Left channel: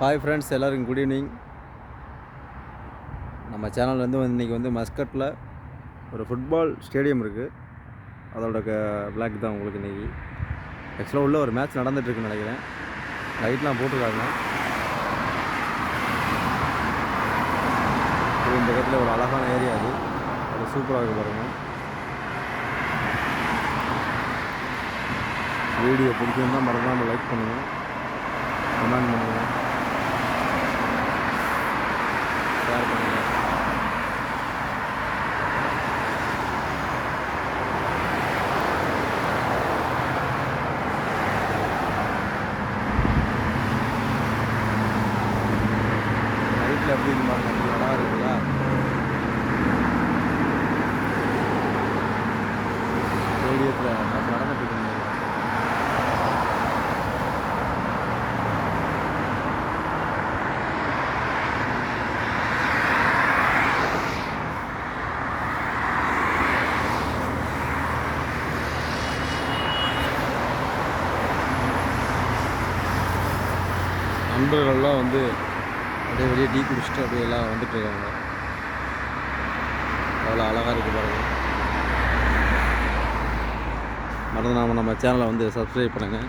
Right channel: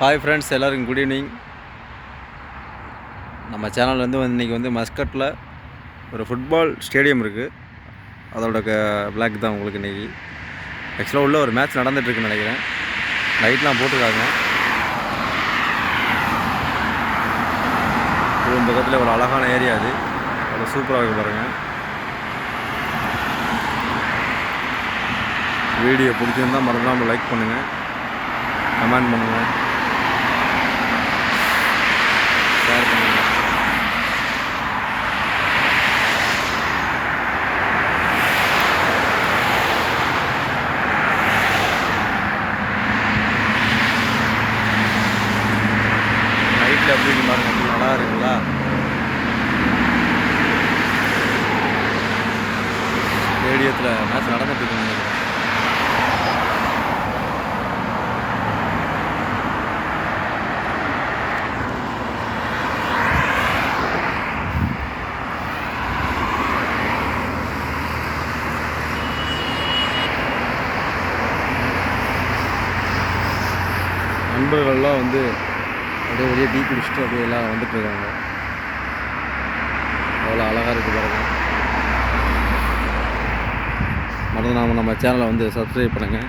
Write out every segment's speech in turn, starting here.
Hi friends, எல்லாருக்கும் good evening. நம்ம channel இன்றைக்கி மஸ்கட்டில் ஒரு ஃபுட்பால் ஸ்டேடியம் இருக்குது. அதோட விளாக் தான் உங்களுக்கு இன்றைக்கி. ஆக்சுவலாக உள்ள ஒரு மேட்ச் நடந்துகிட்ருக்குன்னு நினைக்கிறேன். லைட்லாம் போட்டிருக்காங்க. இது பக்கத்தில் ஒரு அழகான ஏரியா. அது அவ்வளோ சூப்பராக இருக்கு பாருங்கள். வீடியோ பிடிச்சிருந்தால் மறந்துடாமல் லைக் பண்ணுங்கள், கமெண்ட் பண்ணுங்கள், ஷேர் பண்ணுங்கள். நைட்டில் எப்படி பாருங்க, எப்படி நல்லா இருக்குங்களா? ஸ்டேடியத்தில் மேட்ச் நடந்துட்டு இருக்குங்க. நண்பர்கள்லாம் அப்படியே வெளியே டீ குடிச்சிட்டு அப்படியே எல்லாம் வந்துட்டுருக்காங்க. அவ்வளோ அழகாக இருக்குது பாருங்கள். மறந்து நம்ம சேனலை சப்ஸ்கிரைப் பண்ணுங்கள்,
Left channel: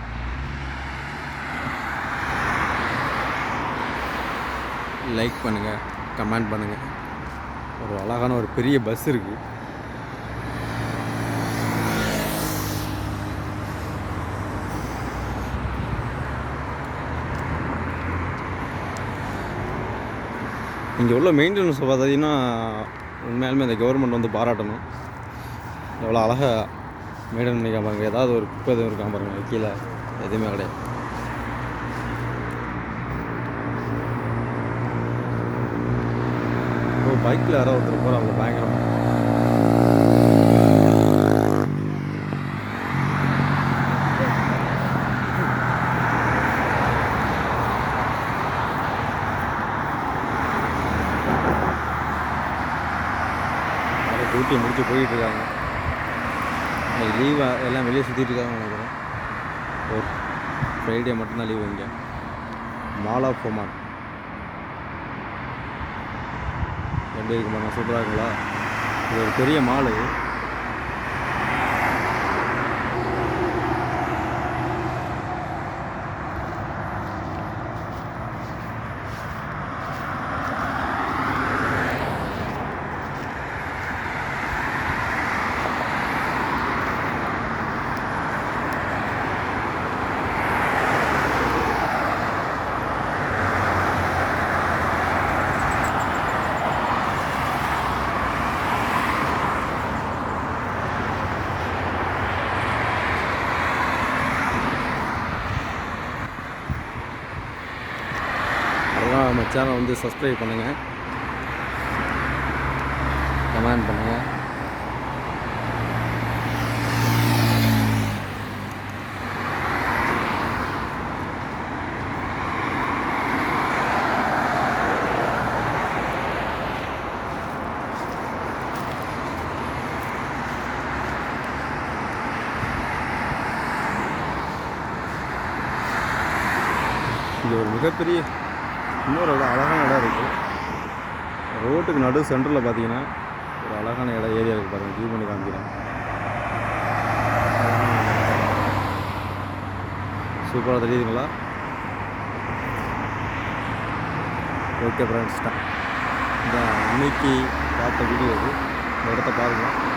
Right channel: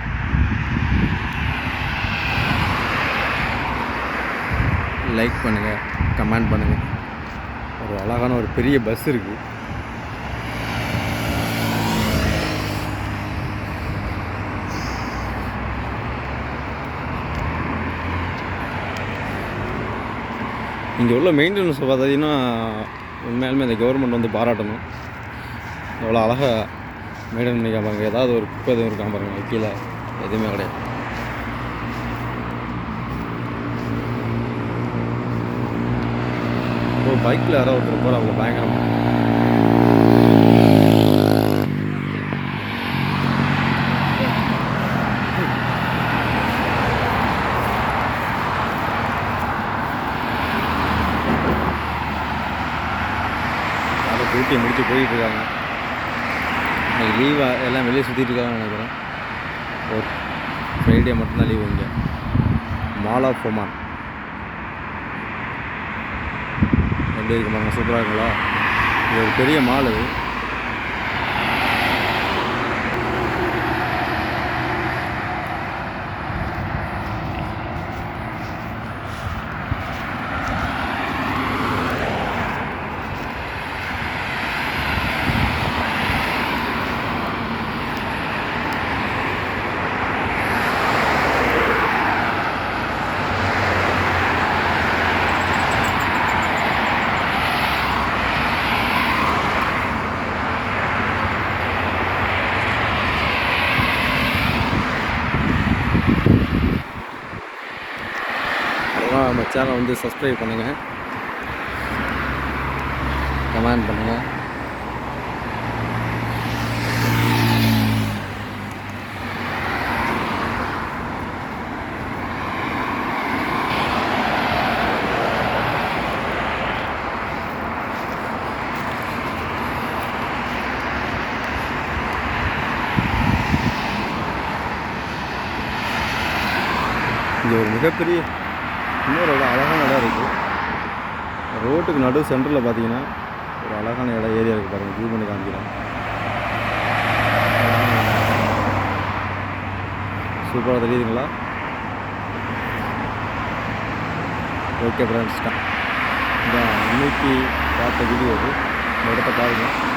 லைக் பண்ணுங்கள், கமெண்ட் பண்ணுங்கள். ஒரு அழகான ஒரு பெரிய பஸ் இருக்குது. இங்கே உள்ள மெயின்டெனன்ஸ் பார்த்தீங்கன்னா உண்மையாலுமே இந்த கவர்மெண்ட் பாராட்டணும். எவ்வளோ அழகாக மெயின்டைன் பண்ணிக்காம பாருங்க. ஏதாவது ஒரு குப்பை எதுவும் இருக்காம பாருங்க, கீழே எதுவுமே கிடையாது. இப்போ பைக்கில் யாரோ ஒருத்தர் போகிறாங்க பயங்கரமாக. டியூட்டியை முடிச்சு போயிட்டுருக்காங்க. இன்றைக்கி லீவாக எல்லாம் வெளியே சுற்றிட்டு இருக்காங்கன்னு நினைக்கிறேன். ஒரு ஃப்ரைடே மட்டும்தான் லீவு இங்கே. மால் ஆஃப் ஒமான் எப்படி இருக்கு பாருங்கள், சூப்பராக இருக்குங்களா? இது ஒரு பெரிய மால். இது அதெல்லாம் நம்ம சேனலை சப்ஸ்கிரைப் பண்ணுங்கள், கமெண்ட் பண்ணுங்கள். இங்கே ஒரு மிகப்பெரிய இன்னொரு இடம், அழகான இடம் இருக்குது. ரோட்டுக்கு நடு சென்டரில் பார்த்தீங்கன்னா ஒரு அழகான இடம் ஏரியா இருக்குது பாருங்கள். வியூ பண்ணி காமிக்கிறேன். சூப்பராக தெரியுதுங்களா? ஓகே ஃப்ரெண்ட்ஸ், இந்த இன்னைக்கு பார்த்த வீடியோ இது. இந்த இடத்த பாருங்கள்.